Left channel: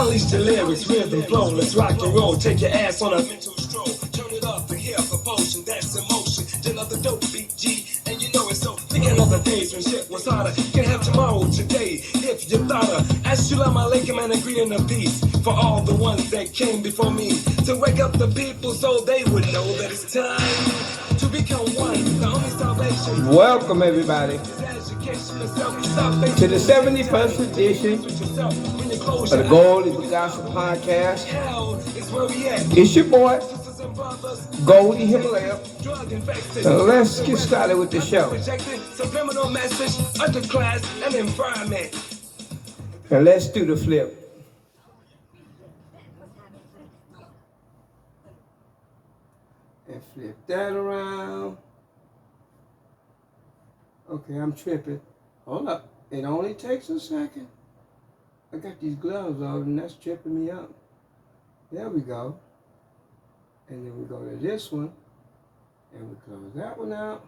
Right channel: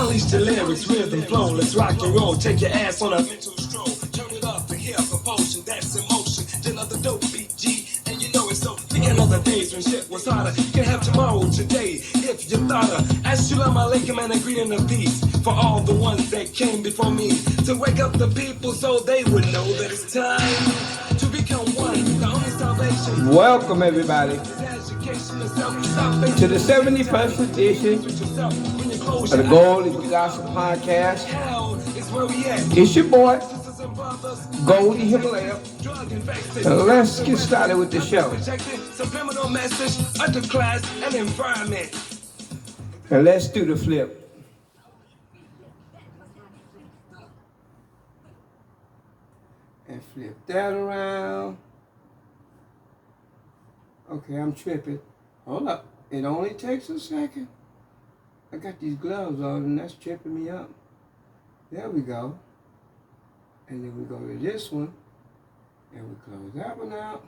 Unleash the lyrics, rhythm, flow, let's rock and roll. Take your ass on a mental stroll. Turn it up to hear commotion, that's emotion. Another dope beat, G, and you know it's so. Think another days when shit was harder. You can have tomorrow today if you thought of. Assalamu alaikum and a greeting of peace for all the ones that came before me. To wake up the people so they would know that it's time to become one. The only salvation. Welcome everybody to the 71st edition of the Goldie Gossip podcast. It's your boy, Goldie Himalaya. Now let's get started with the show. And let's do the flip. And flip that around. Okay, I'm tripping. Hold up. It only takes a second. I got these gloves on and that's tripping me up. There we go. And then we go to this one. And we close that one out.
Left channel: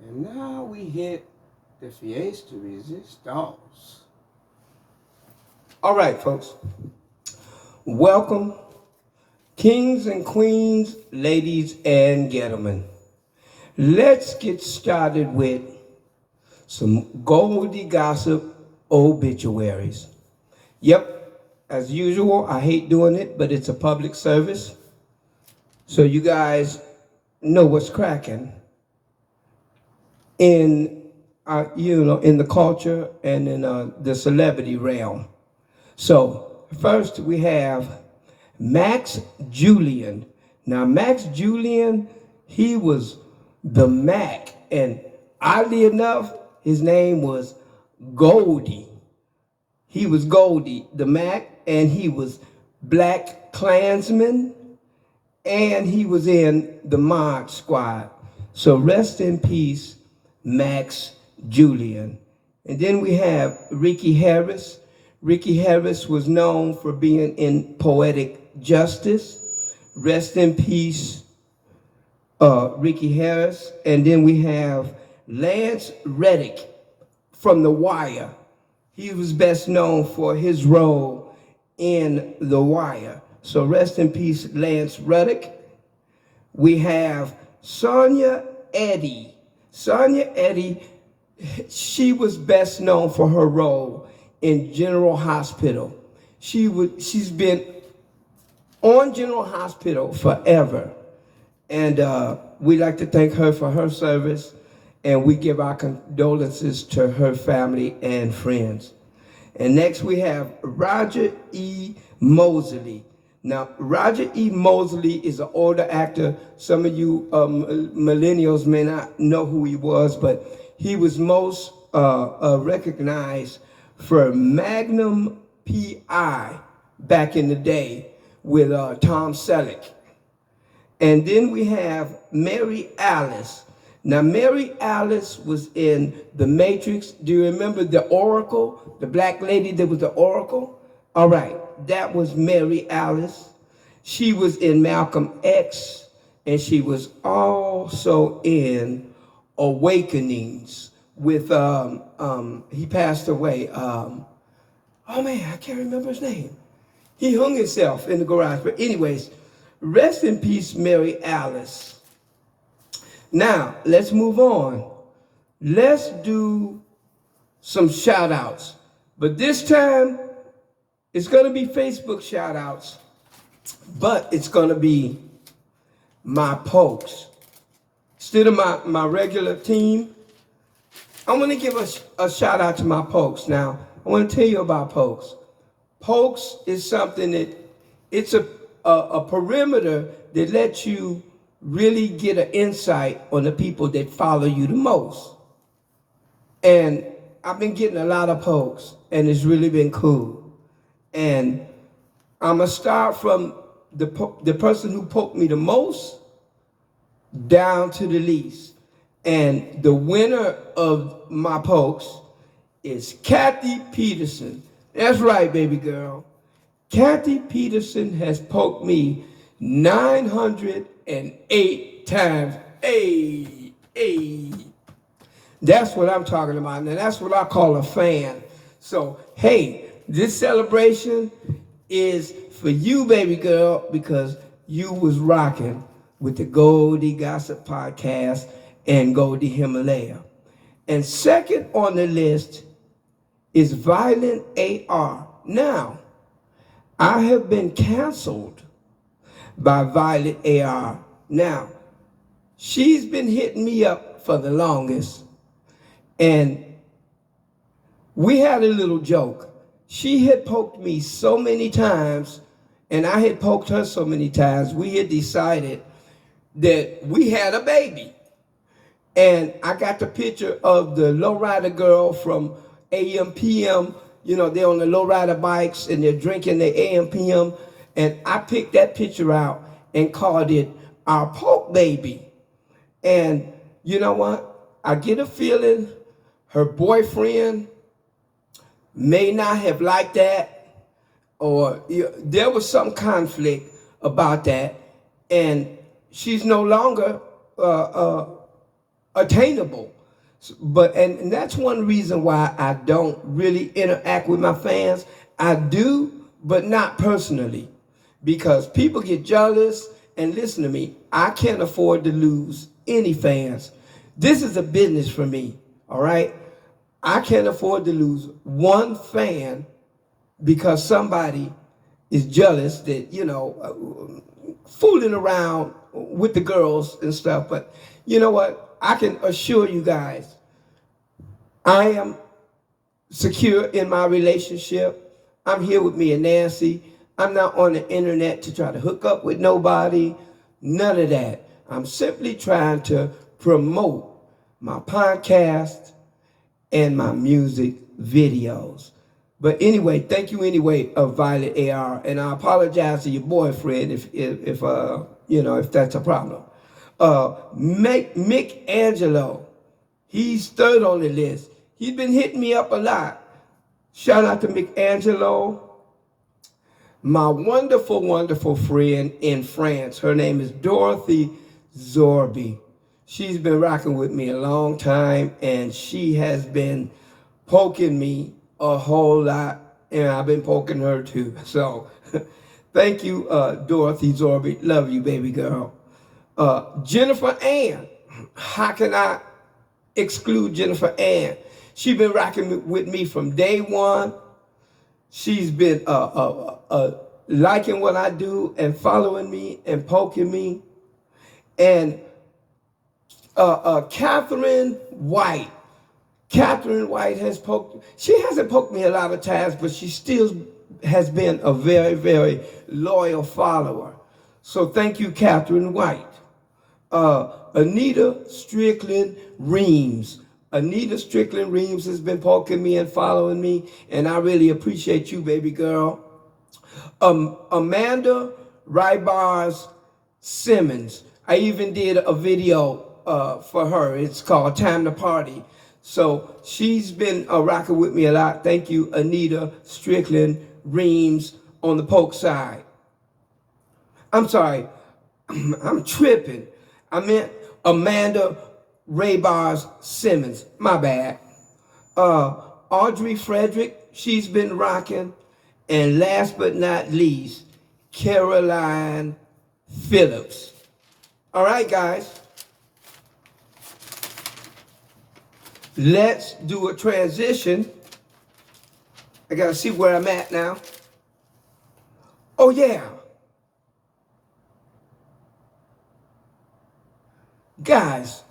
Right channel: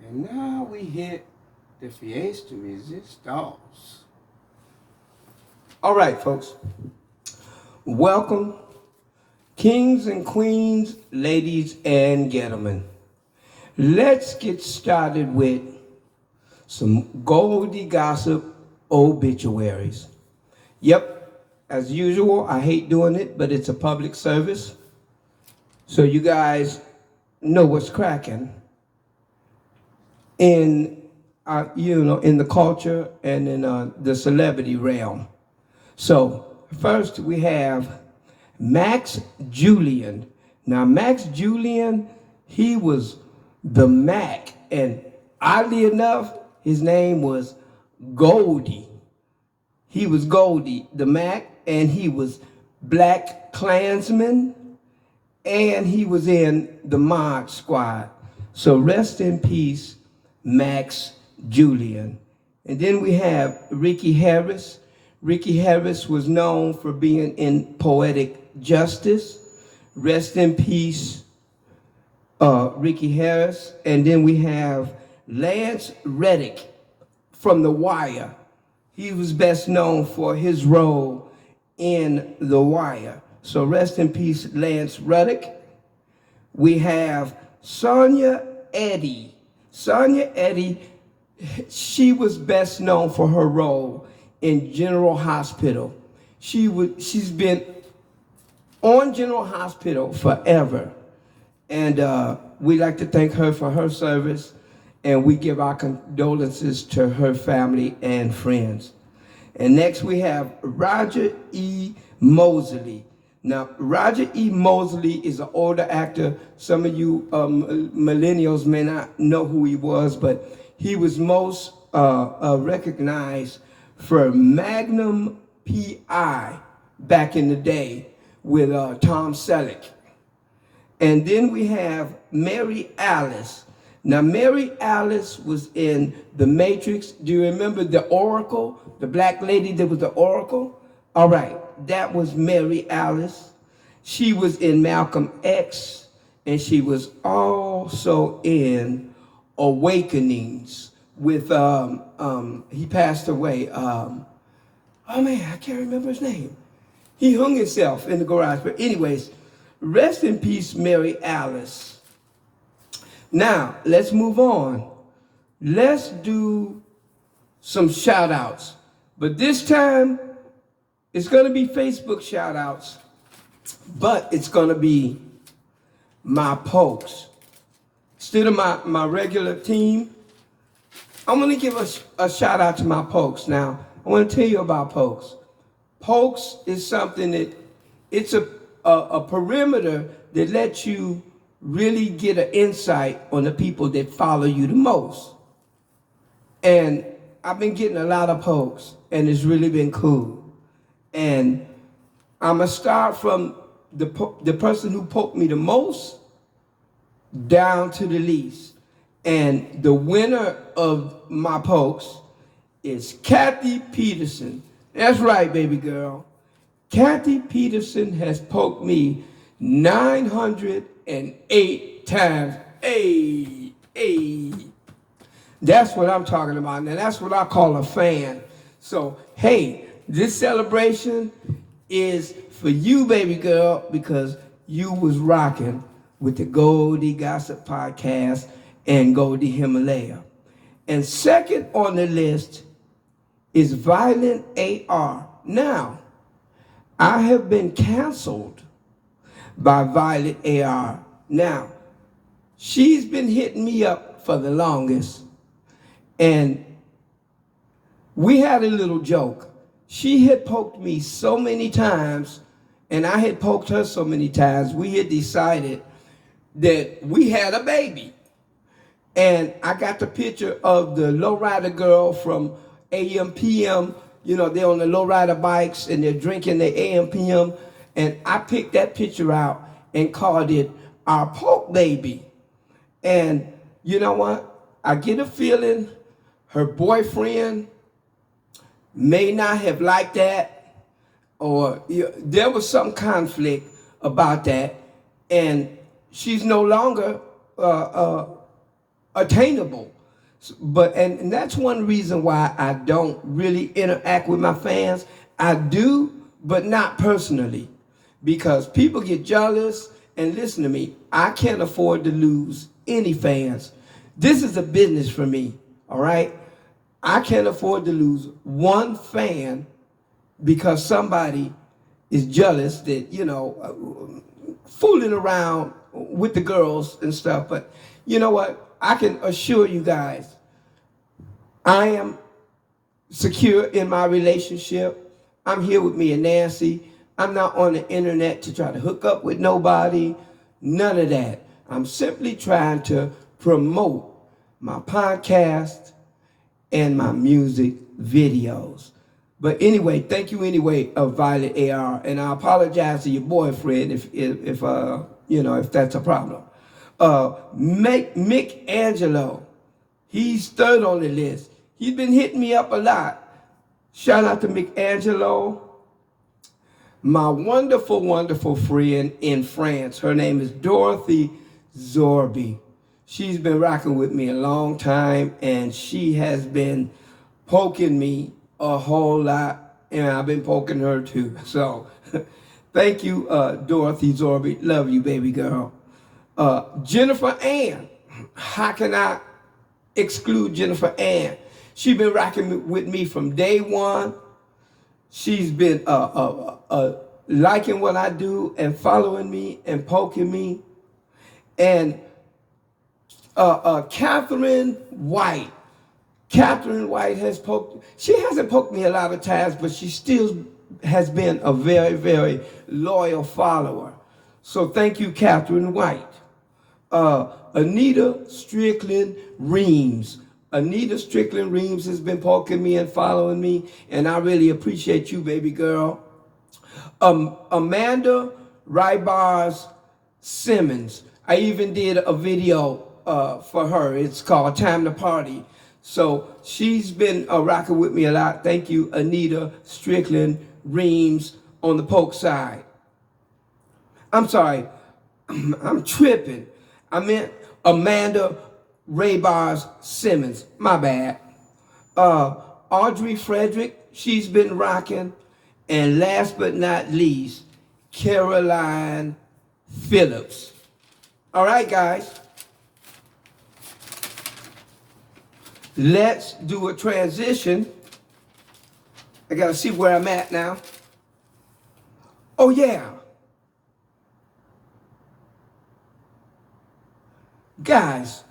And now we hit the Fiesta Resistance. All right, folks. Welcome, kings and queens, ladies and gentlemen. Let's get started with some Goldie Gossip obituaries. Yep, as usual, I hate doing it, but it's a public service. So you guys know what's cracking in, in the culture and in the celebrity realm. So first we have Max Julian. Now Max Julian, he was the Mac, and oddly enough, his name was Goldie. He was Goldie, the Mac, and he was Black Klansman, and he was in the Mod Squad. So rest in peace, Max Julian. And then we have Ricky Harris. Ricky Harris was known for being in Poetic Justice. Rest in peace, Ricky Harris. And then we have Lance Reddick from The Wire. He was best known for his role in The Wire. So rest in peace, Lance Reddick. We have Sonia Eddy. Sonia Eddy, she was best known for her role in General Hospital. She's been on General Hospital forever. And we'd like to thank her for her service, and we give our condolences to her family and friends. And next we have Roger E. Mosley. Now, Roger E. Mosley is an older actor. Some of you millennials may not know who he was, but he was most recognized for Magnum P.I. back in the day with Tom Selleck. And then we have Mary Alice. Now, Mary Alice was in The Matrix. Do you remember the Oracle? The black lady that was the Oracle? All right, that was Mary Alice. She was in Malcolm X, and she was also in Awakenings with, he passed away. Oh man, I can't remember his name. He hung himself in the garage. But anyways, rest in peace, Mary Alice. Now, let's move on. Let's do some shout outs. But this time, it's going to be Facebook shout outs, but it's going to be my pokes. Instead of my regular team, I want to give a shout out to my pokes. Now, I want to tell you about pokes. Pokes is something that, it's a perimeter that lets you really get an insight on the people that follow you the most. And I've been getting a lot of pokes, and it's really been cool. And I'm going to start from the person who poked me the most down to the least. And the winner of my pokes is Kathy Peterson. That's right, baby girl. Kathy Peterson has poked me 908 times. Hey. That's what I'm talking about. Now, that's what I call a fan. So, hey, This celebration is for you, baby girl, because you was rocking with the Goldie Gossip podcast and Goldie Himalaya. And second on the list is Violent AR. Now, I have been canceled by Violent AR. Now, she's been hitting me up for the longest, and we had a little joke. She had poked me so many times, and I had poked her so many times, we had decided that we had a baby. And I got the picture of the lowrider girl from AM PM. You know, they're on the lowrider bikes and they're drinking their AM PM. And I picked that picture out and called it our poke baby. And you know what? I get a feeling her boyfriend may not have liked that, or there was some conflict about that, and she's no longer attainable. But and that's one reason why I don't really interact with my fans. I do, but not personally, because people get jealous. And listen to me, I can't afford to lose any fans. This is a business for me, all right? I can't afford to lose one fan because somebody is jealous that, you know, fooling around with the girls and stuff. But you know what? I can assure you guys, I am secure in my relationship. I'm here with me and Nancy. I'm not on the internet to try to hook up with nobody. None of that. I'm simply trying to promote my podcast and my music videos. But anyway, thank you anyway, Violet AR, and I apologize to your boyfriend if you know, if that's a problem. Mick Angelo, he's third on the list. He's been hitting me up a lot. Shout out to Mick Angelo. My wonderful, wonderful friend in France. Her name is Dorothy Zorby. She's been rocking with me a long time, and she has been poking me a whole lot, and I've been poking her too. So thank you, Dorothy Zorby. Love you, baby girl. Jennifer Ann. How can I exclude Jennifer Ann? She's been rocking with me from day one. She's been liking what I do and following me and poking me. And Catherine White. Catherine White has poked, she hasn't poked me a lot of times, but she still has been a very, very loyal follower. So thank you, Catherine White. Anita Strickland Reams. Anita Strickland Reams has been poking me and following me, and I really appreciate you, baby girl. Amanda Rybars Simmons. I even did a video for her. It's called Time to Party. So she's been rocking with me a lot. Thank you, Anita Strickland Reams on the poke side. I'm sorry, I'm tripping. I meant Amanda Raybars Simmons. My bad. Audrey Frederick, she's been rocking. And last but not least, Caroline Phillips. All right, guys. Let's do a transition. I gotta see where I'm at now. Oh yeah. Guys,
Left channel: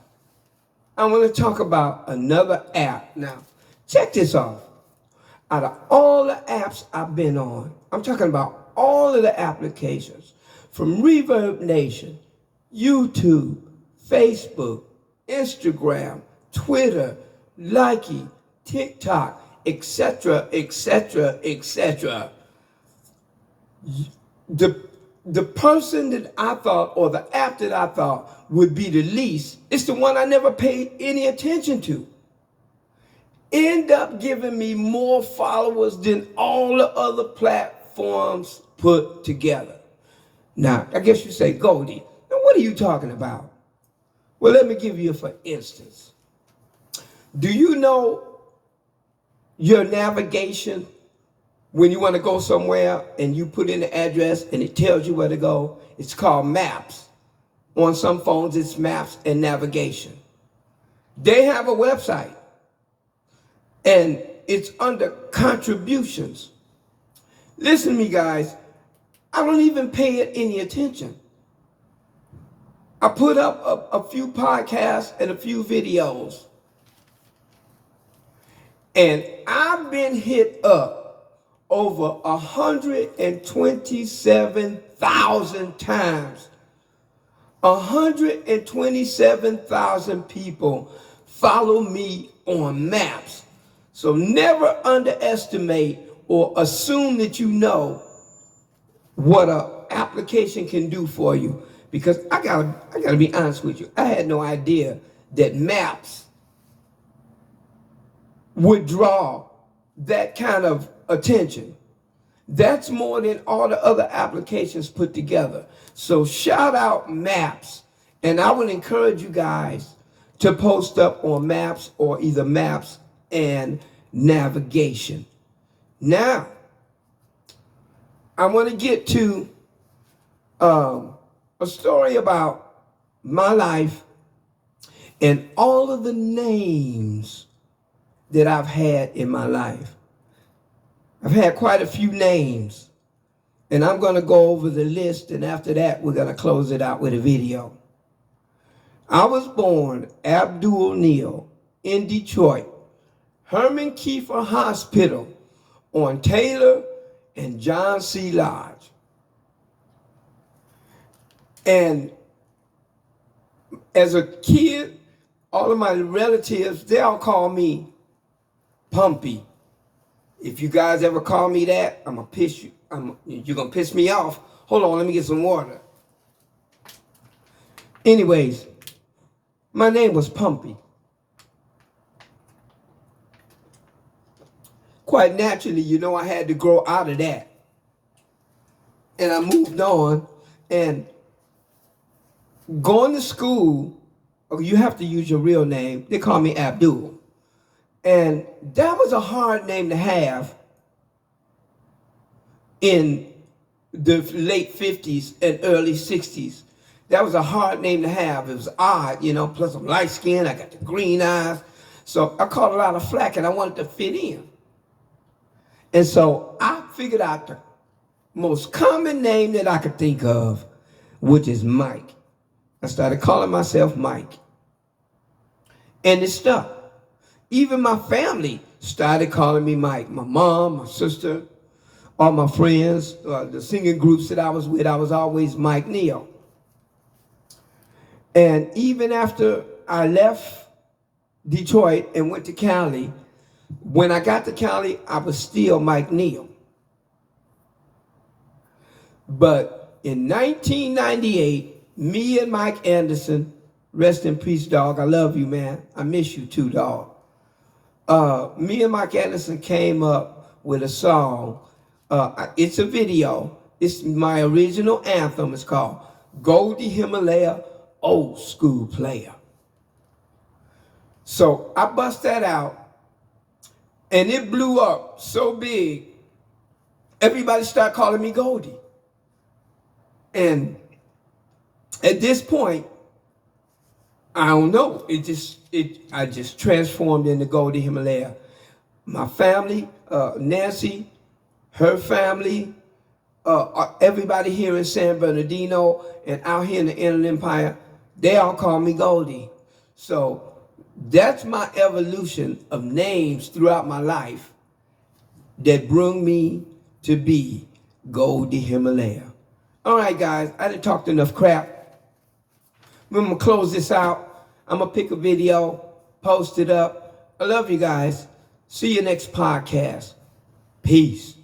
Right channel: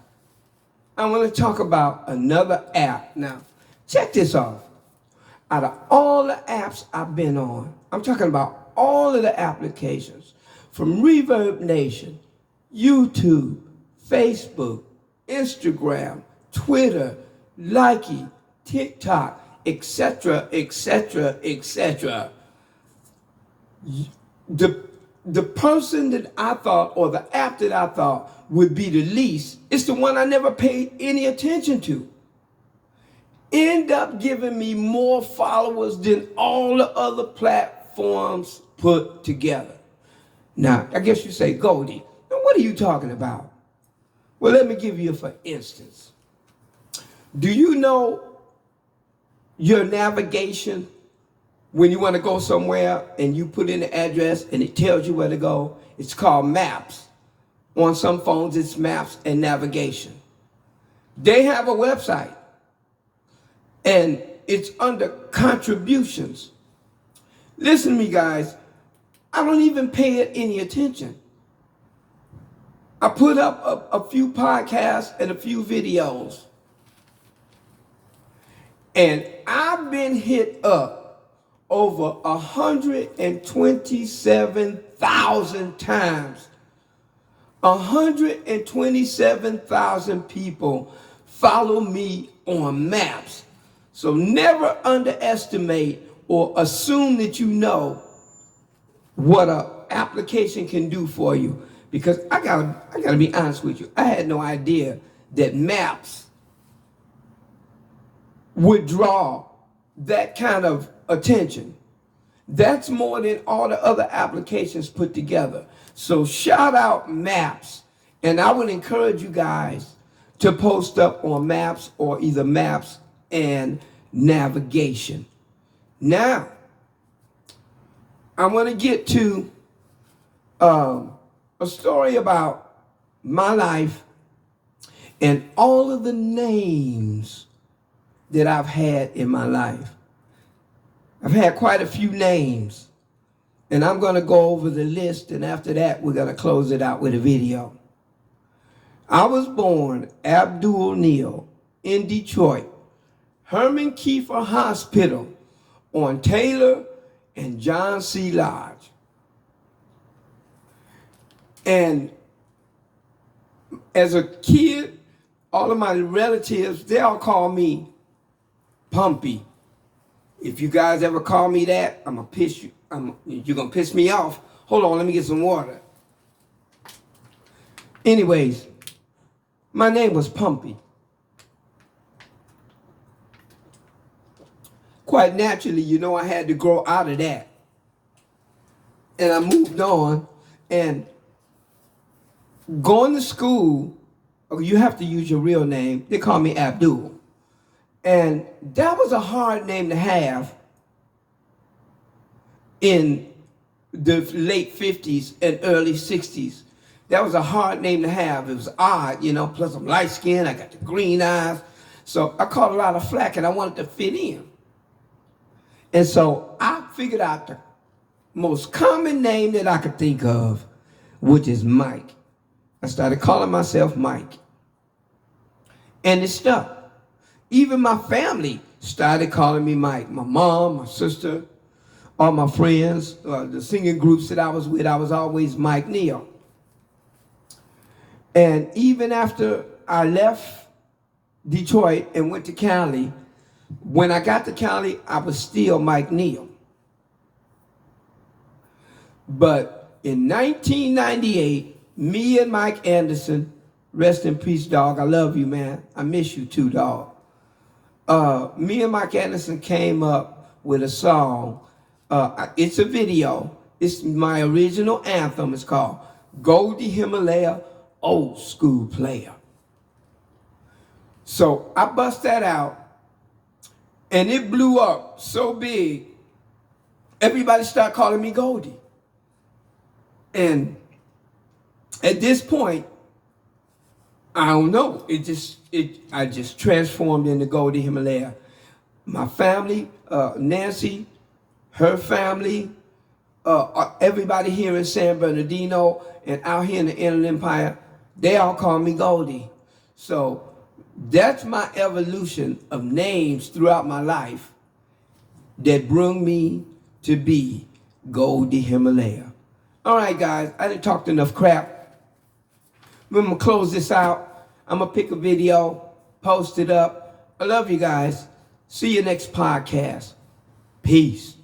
I'm gonna talk about another app. Now, check this off. Out of all the apps I've been on, I'm talking about all of the applications, from Reverb Nation, YouTube, Facebook, Instagram, Twitter, Likey, TikTok, etc., etc., etc. The person that I thought, or the app that I thought would be the least, is the one I never paid any attention to. End up giving me more followers than all the other platforms put together. Now, I guess you say, Goldie, now what are you talking about? Well, let me give you for instance. Do you know your navigation when you want to go somewhere and you put in the address and it tells you where to go, it's called maps. On some phones, it's maps and navigation. They have a website, and it's under contributions. Listen to me, guys. I don't even pay it any attention. I put up a few podcasts and a few videos, and I've been hit up over 127,000 times. 127,000 people follow me on maps. So never underestimate or assume that you know what an application can do for you. Because I gotta be honest with you, I had no idea that maps would draw that kind of attention. That's more than all the other applications put together. So shout out Maps. And I would encourage you guys to post up on Maps or either Maps and navigation. Now, I want to get to a story about my life and all of the names that I've had in my life. I've had quite a few names. And I'm going to go over the list, and after that, we're going to close it out with a video. I was born Abdul Neal in Detroit, Herman Kiefer Hospital on Taylor and John C. Lodge. And as a kid, all of my relatives, they all call me Pumpy. If you guys ever call me that, I'm going to piss you. You're going to piss me off. Hold on, let me get some water. Anyways, my name was Pumpy. Quite naturally, you know, I had to grow out of that. And I moved on. And going to school, you have to use your real name. They call me Abdul. And that was a hard name to have in the late 50s and early 60s. That was a hard name to have. It was odd, you know, plus I'm light skinned, I got the green eyes. So I caught a lot of flack and I wanted to fit in. And so I figured out the most common name that I could think of, which is Mike. I started calling myself Mike. And it stuck. Even my family started calling me Mike. My mom, my sister, all my friends, the singing groups that I was with, I was always Mike Neal. And even after I left Detroit and went to Cali, when I got to Cali, I was still Mike Neal. But in 1998, me and Mike Anderson, rest in peace, dog, I love you, man. I miss you too, dog. Me and Mike Anderson came up with a song. It's a video. It's my original anthem. It's called Goldie Himalaya, Old School Player. So I bust that out, and it blew up so big, everybody started calling me Goldie. And at this point, I don't know, I just transformed into Goldie Himalaya. My family, Nancy, her family, everybody here in San Bernardino and out here in the Inland Empire, they all call me Goldie. So that's my evolution of names throughout my life that bring me to be Goldie Himalaya. All right, guys, I didn't talk enough crap. I'm going to close this out. I'm going to pick a video, post it up. I love you guys. See you next podcast. Peace.